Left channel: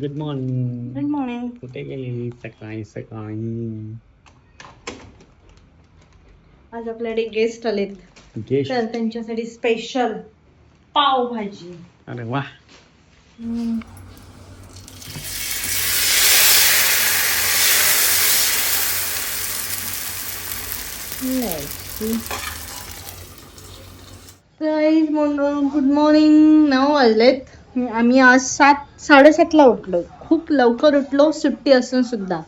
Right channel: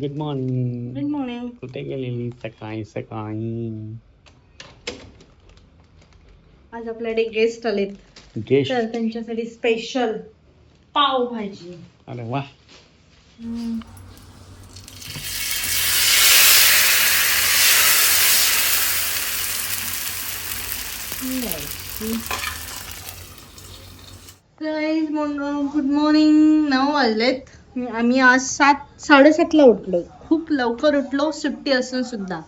Good morning. Good morning. कुठे गेलेली सकाळी सकाळी? आज आपल्याकडे गेस्ट आलेत, गेस्ट? तर त्यांच्यासाठी स्पेशल पाव भाजी. अरे वा. Good morning. 9 वाजलेत. आम्ही आज 7:30ला उठलो. खूप लवकर उठलो, सुट्टी असून सुद्धा.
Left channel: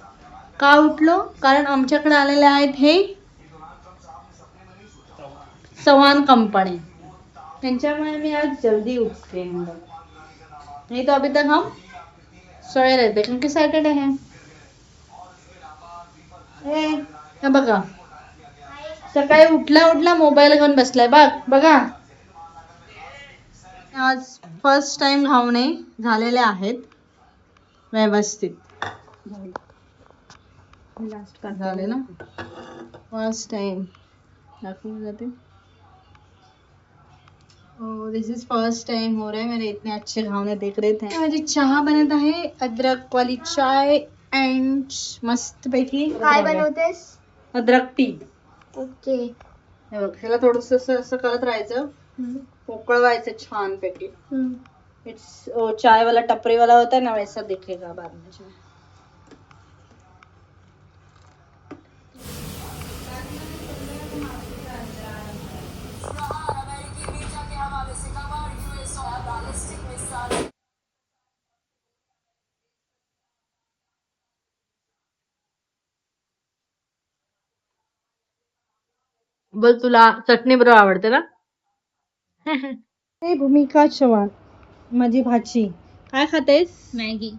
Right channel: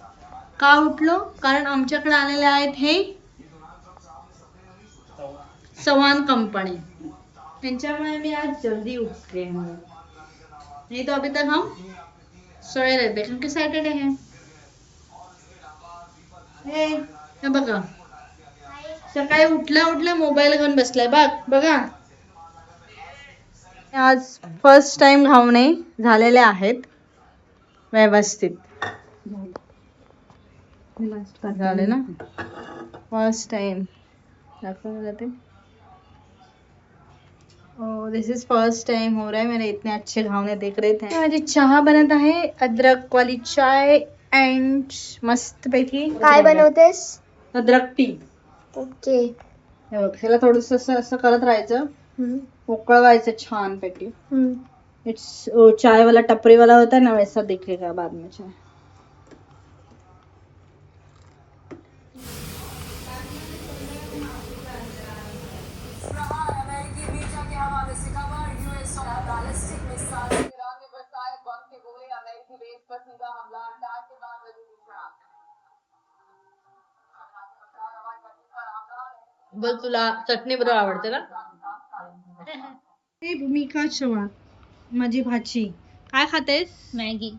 का उठलो? कारण आमच्याकडे आलेले आहेत हे चव्हाण कंपनी, त्यांच्यामुळे मी आज जल्दी उठले. नहीं तो अभी तक हम सोए रहते, क्योंकि सैटरडे है. हे बघा, सकाळी उठला उठला मोबाईल घेऊन बसलाय. बघा, आज फर्स्ट टाइम घावणे झालेले आहेत व्यवस्थित. झाले ना फर्स्ट टाइम. दाखवून जाते. दिस इज फर्स्ट टाइम हो रहा है मेरे इतने अच्छे घावने देख रहे थे. माझी चहा बनत आहे, अद्रक वाली चाय अँड मस्त पैकी. काय बनवतेस? अद्रक टी. ओके. हे बघ, ह्याला थोडस असं करत राहायचं, उकळवायचं छान पैकी. इट्स चाय वाला टपरी वाला होता है ना, वैसा दिखेगा बाद में चाय. बोल, तुला चटणी बरोबर आवडते ना? हे भूमिका चव्हाण, माझी भाची. काय खातेस? मॅगी.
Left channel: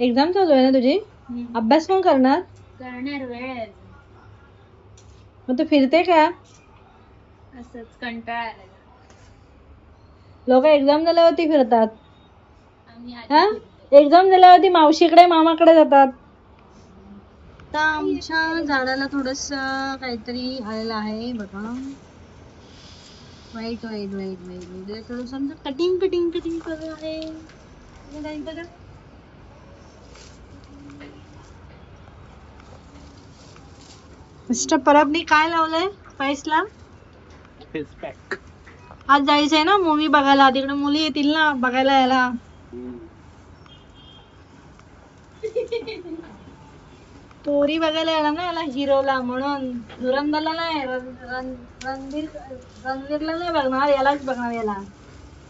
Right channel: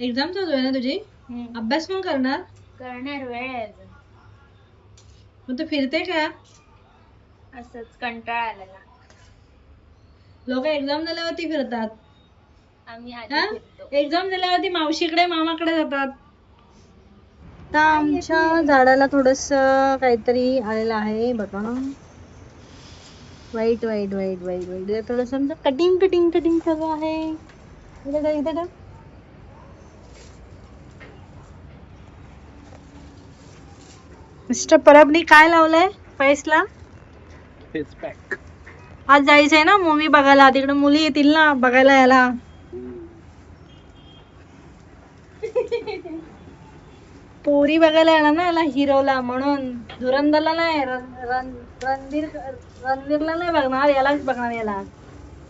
एक्झाम चालू आहे ना तुझी? अभ्यास कोण करणार? करणार वेळ मग तू फिरते का? असंच कंटाळा आलेला. लोक एक्झाम झाल्यावरती फिरतात. आम्ही हा? एक्झाम झाल्यावरती मावशीकडे मामाकडे जातात. आता आमच्या झाडाला थोडस काहीतरी आलेलं आहे बघा. वाईट वाईट वाईट वाईट वाईट थोडस कटिंग कटिंग कटिंग करत आहे. इथे मिस्टर परबनी काय लावलंय फेसला? Face pack. आज जायचंय ना मूवी बघायला, तिकडे मुली येतील ना बघायला याला. पोरी बघायला येणार ना याला, हिरोला. म्हणून धुरंधरला नाही, रणवीरला नाही बघणार, यालाच बघणार याला.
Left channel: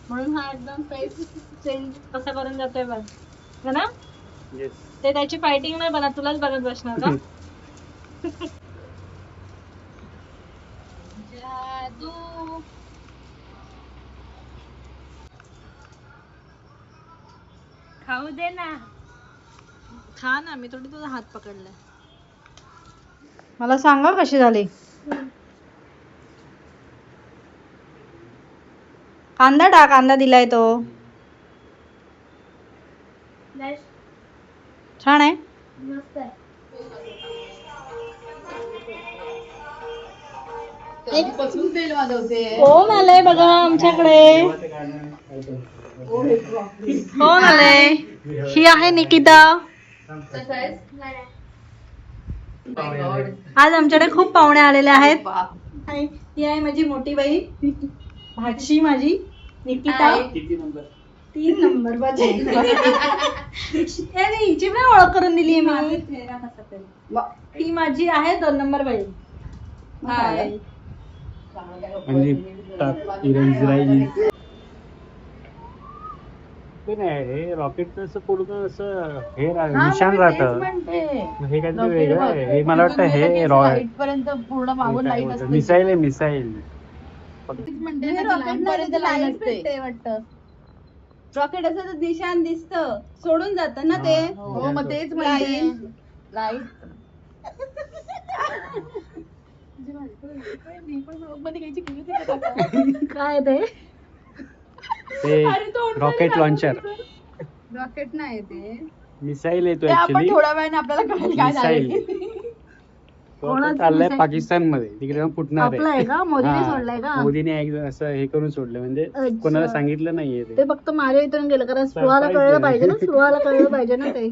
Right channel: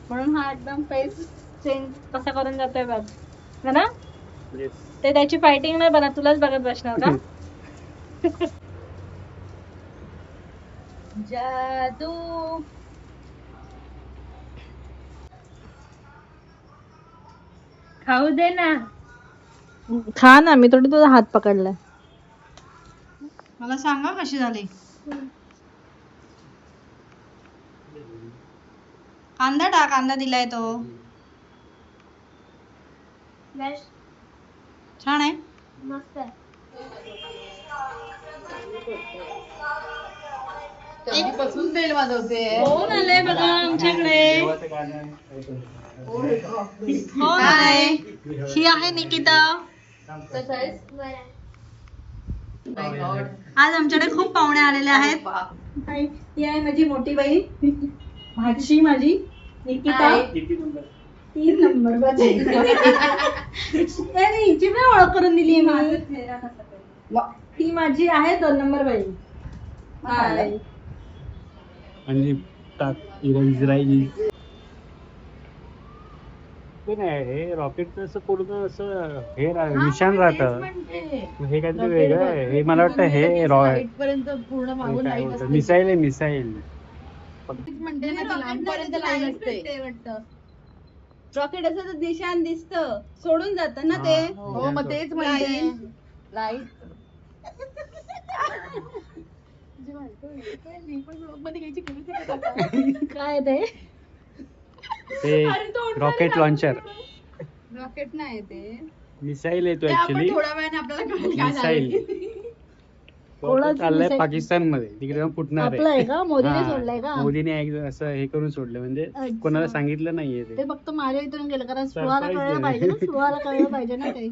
म्हणून हा एकदम फेस चेंज कसा करून जातोय बघ ना. ते त्याची फायटिंग नाही बघा, तुलाच बघत बसणार का? जादू. खाऊ दे ना. खा ना, मी थोडी तुझा हात पकडलाय. मला सांगा कशी झाली. कांदा टाक, कांदा दिलाय तो. छान आहे. मस्त आहे. कोण आलंय बघा आमच्याकडे? कोण आलंय? ही आहे निकिता. आज आमच्याकडे खूप पाहुणे आलेले आहेत. ही आहे माझी मोठी बाई, भाची माझी निकिता. 3 नंबर हिची पण ओळख करून दिली मी. ती माझी आहे 2 नंबर बाई. हाय. म्हणजे इस्रायली ते नाही, हे रॉकेटचं असं पूर्ण असं हे निशाण राहतं. हे काहीतरी वेगळं आहे. हे मला वाटतं हे पर्यंत पूर्ण मागून लाईट असते. मिसाईल आहे, मिसाईल. रॉकेट असं तर निशाण दिसत, सोडून जात ना ते. हो, मग तेच म्हणते लाईट. काय ते रॉकेट लॉन्चर. रॉकेट नाही ते. मिसाईल येतो ते आपण ऍक्च्युली. थोड्या वेळाने आपल्याला कळेल काय झालं ते. कोणाचं चाललंय missile? पाकिस्तान मध्ये, तिकडे जाऊन फुटणार आपलं आहे का? मोदीने हा, सोडलंय का? मोदीने एकदा असं हे करून सोडलं, म्हणजे अच्छा. कोणाला सांगितलं नाहीये ते ते. फक्त माझ्या इथून गेलं कारण स्पृहाला Surprise कळलं आहे. पाहिजे ना, स्पृहाला कळलं पाहिजे ना ते.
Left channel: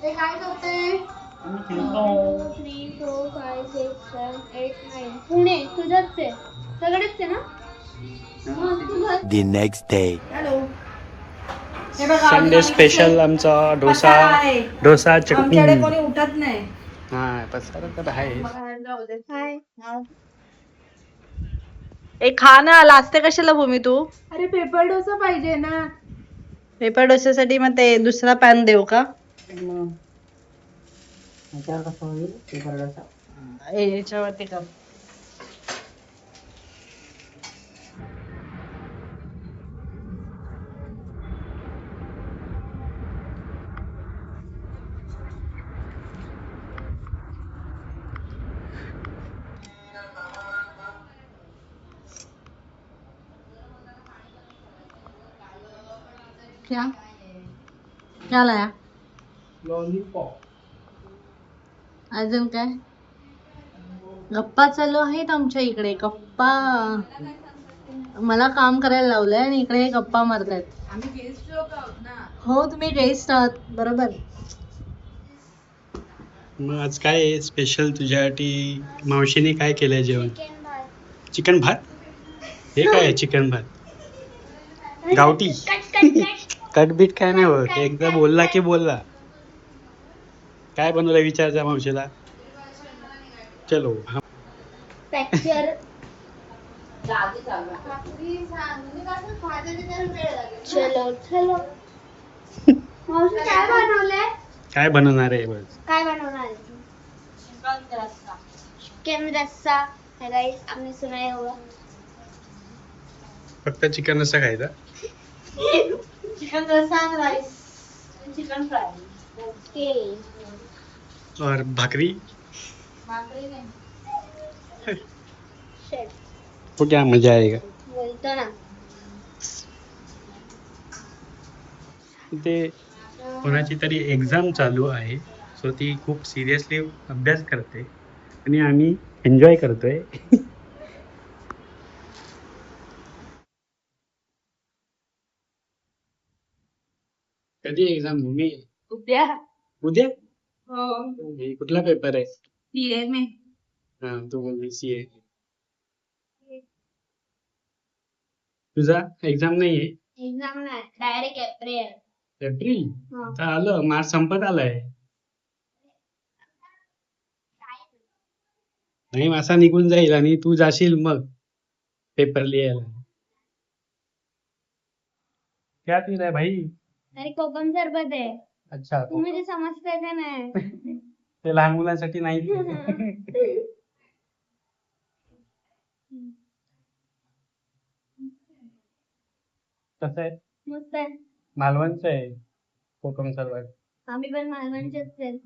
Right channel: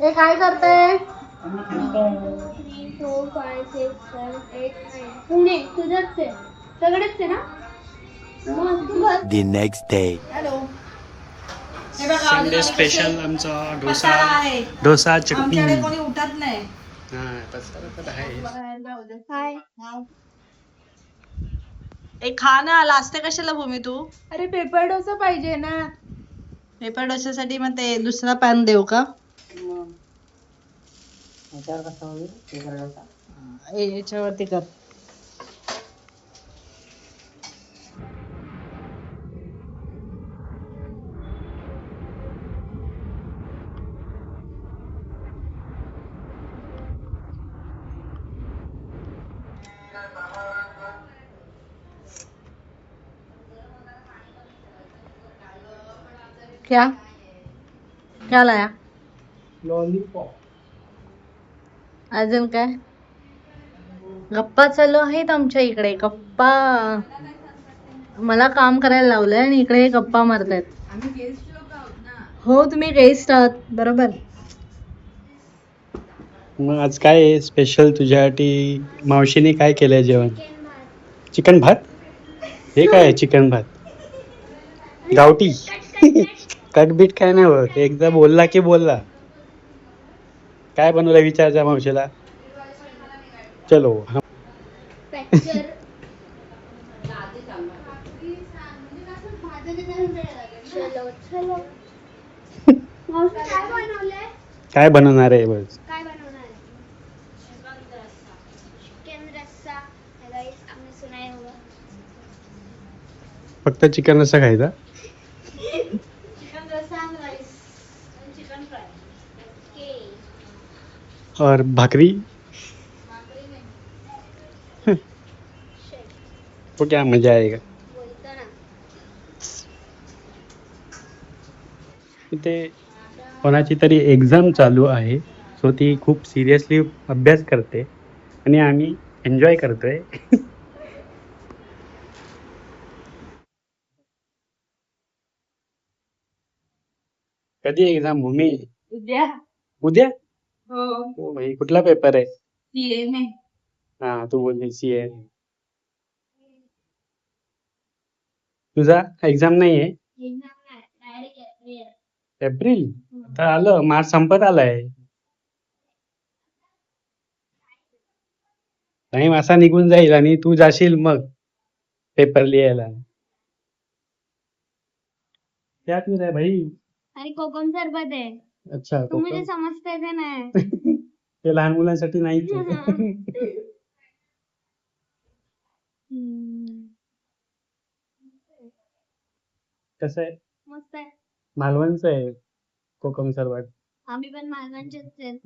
ए काय करते? 1 2 3 4 5 6 7 8 9 पुणे तुझंच आहे सगळेच आहे ना मग तू घर The next day. हॅलो. हे बघा, अजून संडे आम्ही स्पेशल कसे- आमचा पसारा आहे. डोसा चटणी. आमच्याकडे कोणी उठत नाही. हा पसारा तर आहे. हाय ए खा ना, लाजते कशाला भूमी तू? अरे पेपर डोसा पाहिजे ना पेपर डोस्यासाठी मग ते दुसरा पॅन देऊ का? याच्यावरती कर. क्या क्या लाया? लॉलीपॉप. अजून काय? गप्पा चालू आहेत आमच्या इकडे, गप्पा. मला काम करायला लावलंय आणि इकडे गप्पा मारतायत. हो तुम्ही गेस्ट आहात, बरोबर. मग आज काय आहे स्पेशल तुझ्यासाठी? मावशीने काय केलंय जेवण? चिकन भात. हे काय आहे चिकन भात? गावठी. कटबीट काय नाही होत, एकदा बोलला की बोलला. काय बनवलं विचारजा मावशीला. चलो. फ्रॅक्चर चलो चलो मावशी काय बनवलंय काय बनवणार आहे बस? काय बनवणार चिकन रस्सा राईस आपने सुनाया होगा फक्त चिकन रस्सा खायचा? चिकन रस्सा आणि राईस, चिकन फ्राय. ओके और भाकरी? भाकरी नाही. शेट तो क्या मजा आएगा. बोलतो ना इथे कोणाची तरी एक्झाम चालू आहे, सो ती खूप सिरियसली अभ्यास करते आणि आम्ही एन्जॉय करतोय. कधी एक्झाम भूमी? उद्या. उद्या? हो. ओ भाई, कुठला पेपर आहे? सीए में. हा तू बोलली सीए. तुझा एक्झाम नाही आहे? एक्झाम नाही डायरेक्ट एप्रिल एप्रिल? हा. तर आलं, मार्च संपत आलाय. नाही असा निघून जाईल आणि तू जाशील मग पेपर लिहायला. क्या पी रहा है भाई? अरे कोकम सरबत आहे अच्छा तू मुझे समजते का नाही ते लहान मुलांसाठी नाहीच आहे. कसं आहे? मस्त आहे मालवणचं आहे कोकम सरबत. आम्ही पण मालवणचेच आहेत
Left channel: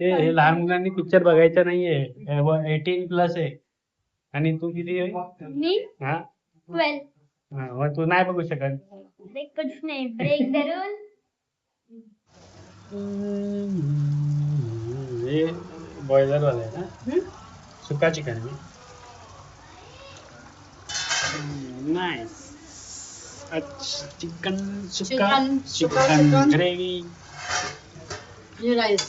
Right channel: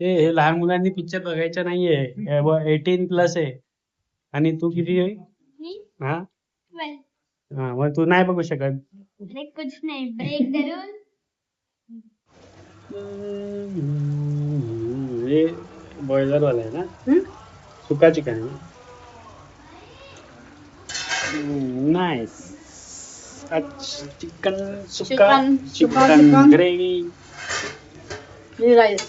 हे लहान मुलांनी पिक्चर बघायचा नाहीये, 18+ आहे. आणि तू किती आहे? मी हा 12 हा, मग तू नाही बघू शकत. अरे कुछ नाही ब्रेक द रूल हे बॉयलर वाला आहे ना? सुका चिकन आहे. नाईस. चिकन सुका, चिकन ग्रेव्ही राईस,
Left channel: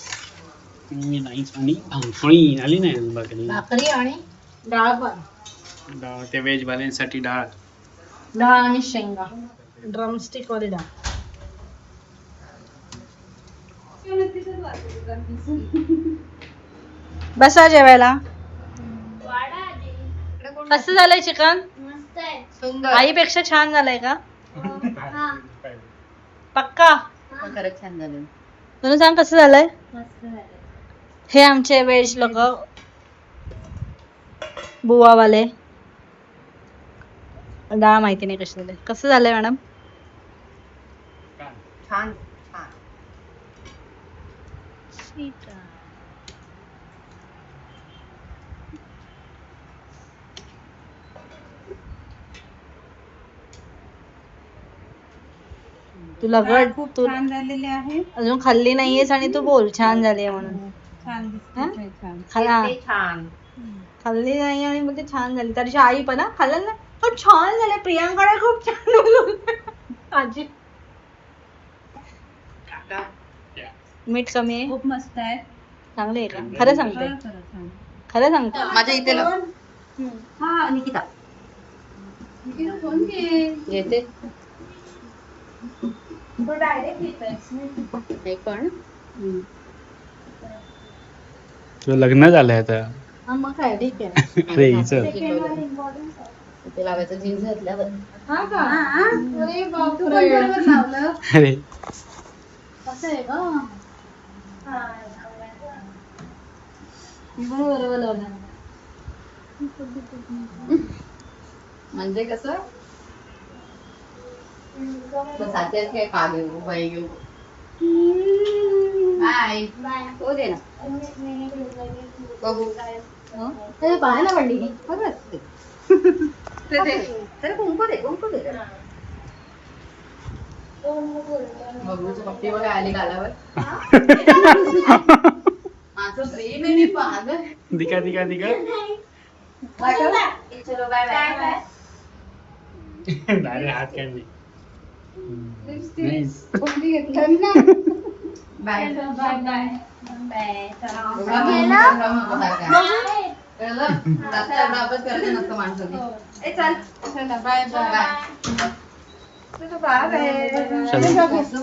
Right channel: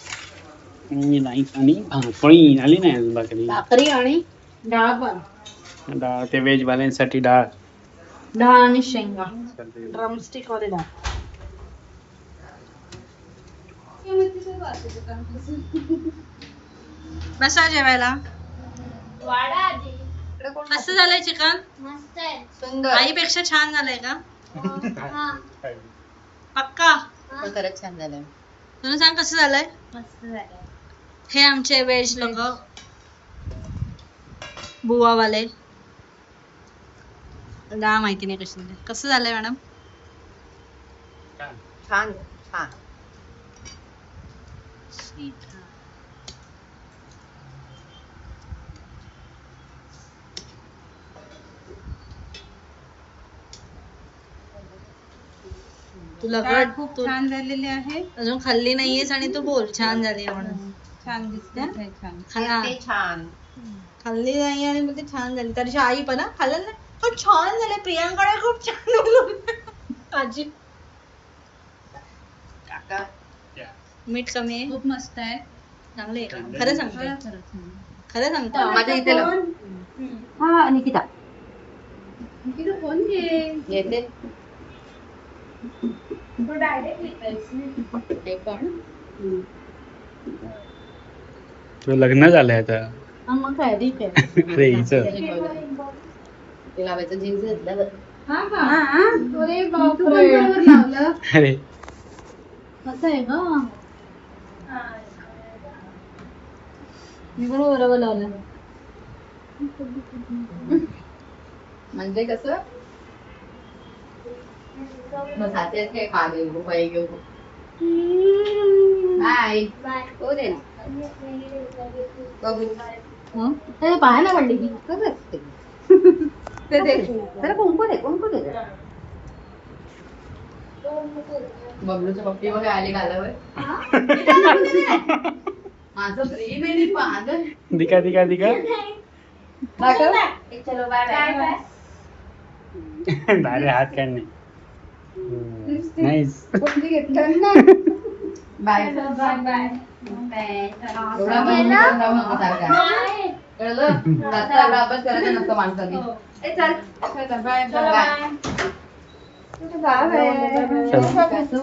नाईस. आणि भाकरी आली नाही अजून. भाकरी आणि डाळ पण. डाळ ते व्हेज वाल्यांसाठी डाळ. डाळ आणि शेंगा, ड्रमस्टिक वाली डाळ. बसा जेवायला. वाडा आधी कसं झालंय चिकन? मस्त आहे सुंदर. आईपेक्षा छान झालंय का? हा पक्का? खरंच छान झालं. तुला सांग कसं झालंय? मस्त झालं हे आमचे व्हेज लोक बुवावाले. डाळ माहिती नाही कशी झाली. कसं झालंय मॅडम? छान छान. ठीक आहे. तुला डाळ गड खूप तू छान झालेली आहे. अजून खाल्ली नाहीयेस आणि तू बोल छान झाली आहे म्हणून. छान दिसते हा? ते छान. खाला ते छान. खाल्ली नाही आणि बोलते छान झाली. तरी आई पण हा, खाल्लं ना हो छान झाले प्रियांकडे खूप छान बनवलं. आजी मीठ कमी आहे. खूप मस्त आहे. चांगले आहे का खरं सांगते खरं खरं छान. खरं सांगते. माझ्या इथे लाव. हा निकिता फोन घे. येते तो डायरेक्ट हे पण तुझं लग्न झालंय आता. हा, मग काय ठीक आहे. अरे हिचं ते लावायचं जीन्स घातल्यावर हा का अरे बापरे बरोबर लावलं. अरे असं आहे का मी पण बरोबर लावलं. म्हणजे कसं बस आतेच काय खा घेऊ बाई घेऊ बाय हो दे ना बघू ते पाहायला पडली की बघ असते ते दे त्याला कुंकू दे बबलूच्या पप्पी वगैरे आली गालावर माझं प्रेम आहे पागल दिका दिका दिका चलो बाय बाय भारी हात काय नाही नाईस. बाय बाय बाय कळलं रास्ता एवढा अभ्यास करायचा नसतो माणसाने बाय बाय चलो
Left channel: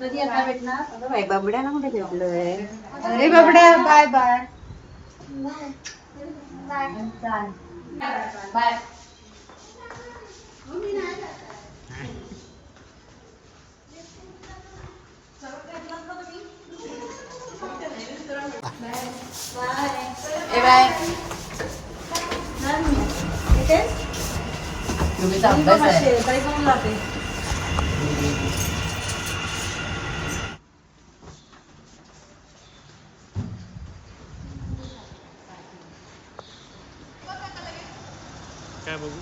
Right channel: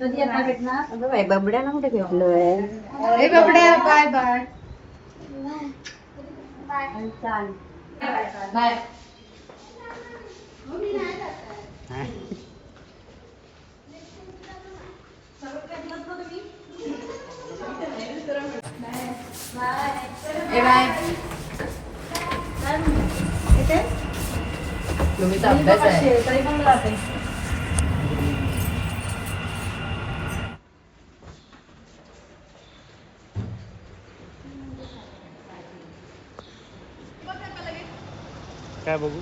कधी आता भेटणार. बबड्याला कुठे भेटलोय ए बाबड्या बाय बाय. बाय बाय तुम्हीचा अभ्यास आहे काय बघू